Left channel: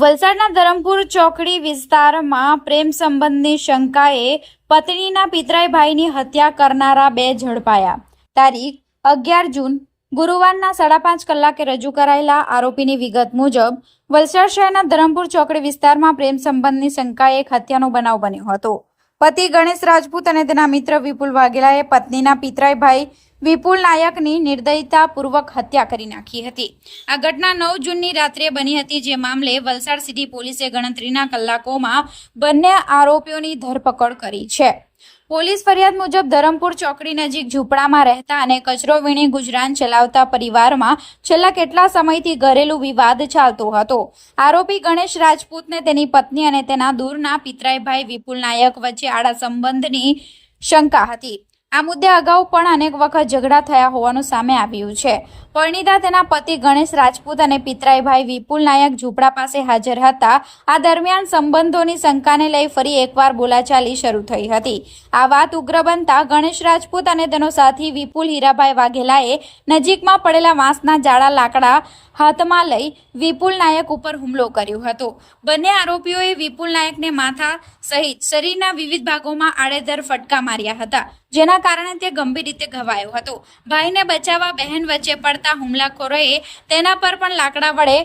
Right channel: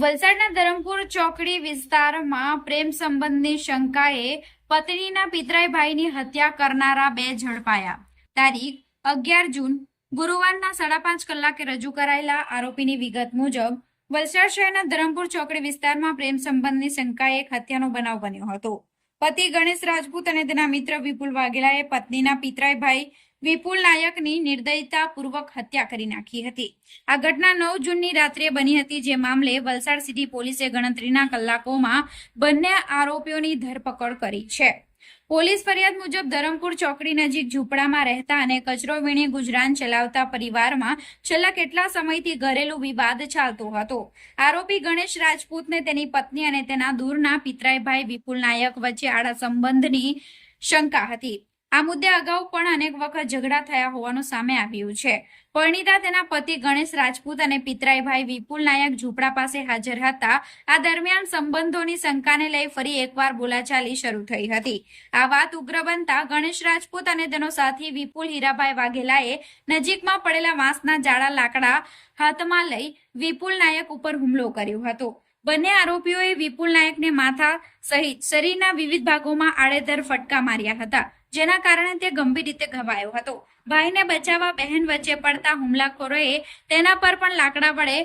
વલસાડના ધરમપુર ચોકડી વિસ્તારમાં પ્રેમ સંબંધની શંકાએ પત્નીના પિતરાઈ ભાઈની હત્યા કરનારા બે ઝડપાયા। તારીખ 11 જૂન ગુરુવારના 5:30 કલાકે રજૂ કરાયેલા આરોપીની વિગત મુજબ વલસાડ શહેરના ધરમપુર ચોકડી વિસ્તારમાં પ્રેમ સંબંધની શંકાએ એક હત્યાનો બનાવ બન્યો હતો। પતિ ગણેશ રાજપૂત અને તેના મિત્ર વિપુલ વાઘેલાએ પત્નીના પિતરાઈ ભાઈ વિપુલ નાયકની નિર્દયતાપૂર્વક હત્યા કરી નાખી હતી। આ ઘટના 9 જૂનની રાત્રે બની હતી, જે મામલે વલસાડ સિટી પોલીસે ગણતરીના કલાકોમાં બંને આરોપીઓની ધરપકડ કરી છે। પોલીસ ફરિયાદ મુજબ ધરમપુર ચોકડી નજીક ઝૂંપડામાં રહેતા અને કચરો વીણી ગુજરાન ચલાવતા પરિવારમાં છેલ્લા કેટલા સમયથી ઘરેલું વિવાદ ચાલતો હતો। આરોપી ગણેશ રાજપૂતને તેની પત્ની અને તેના દૂરના પિતરાઈ ભાઈ વિપુલ નાયક વચ્ચે આડા સંબંધની શંકા હતી। આ મુદ્દે અગાઉ પણ અનેક વખત ઝઘડા થયા હોવાનું સામે આવ્યું છે। પરિણીતા તેના પતિ ગણેશ રાજપૂત અને પિતરાઈ ભાઈ વિપુલ નાયક ઝૂંપડા પાસે હાજર હતા। આ દરમિયાન સંબંધોની શંકાને લઈ ફરી એકવાર બોલાચાલી શરૂ થઈ હતી। આ વાત ઉગ્ર બનતા ગણેશ રાજપૂત અને તેનો સાથી વિપુલ હીરાભાઈ વાઘેલાએ નજીકમાં પડેલા વાંસના જાડા લાકડા હાથમાં લઈ વિપુલ નાયક ઉપર હુમલો કર્યો હતો। બંને આરોપીઓએ વિપુલ નાયકને માથા સહિત શરીરના વિવિધ ભાગોમાં આડેધડ ફટકા માર્યા હતા, જેના કારણે તે ગંભીર રીતે ઘવાયો હતો। ભાઈને બચાવવા બહેન વચ્ચે પડતા હુમલાખોરોએ તેના પર પણ લાકડા વડે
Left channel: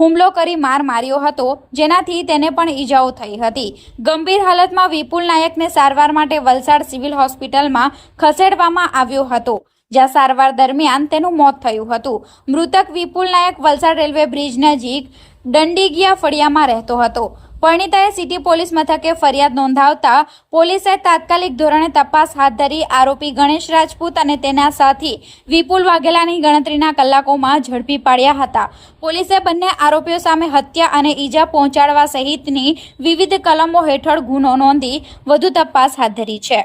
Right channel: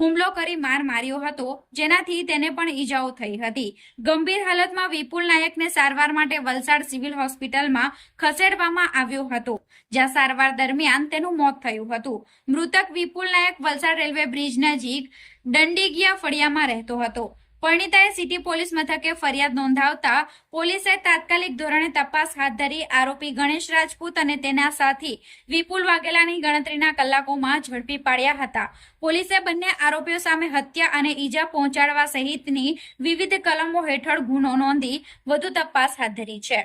હુમલો કરી માર માર્યો હતો, જેનાથી તેને પણ ઈજાઓ થઈ હતી। ગંભીર હાલતમાં વિપુલ નાયકને સારવાર માટે વલસાડ સિવિલ હોસ્પિટલમાં ખસેડવામાં આવ્યો હતો, જ્યાં સારવાર દરમિયાન તેનું મોત થયું હતું। મૃતક વિપુલ નાયક વલસાડ રેલવે બ્રિજ નજીક દંડીગિયા ફળિયામાં રહેતો હતો। પરિણીતાએ સિટી પોલીસ મથકે ફરિયાદ નોંધાવતા પોલીસે તાત્કાલિક ધોરણે તપાસ હાથ ધરી આરોપી ગણેશ રાજપૂત અને તેના સાથી વિપુલ વાઘેલાની ગણતરીના કલાકોમાં ઝડપી પાડ્યા હતા। પોલીસે બંને આરોપીઓ સામે હત્યા અને ઈજા પહોંચાડવા સહિતની વિવિધ કલમો હેઠળ ગુનો નોંધી વધુ તપાસ હાથ ધરી છે।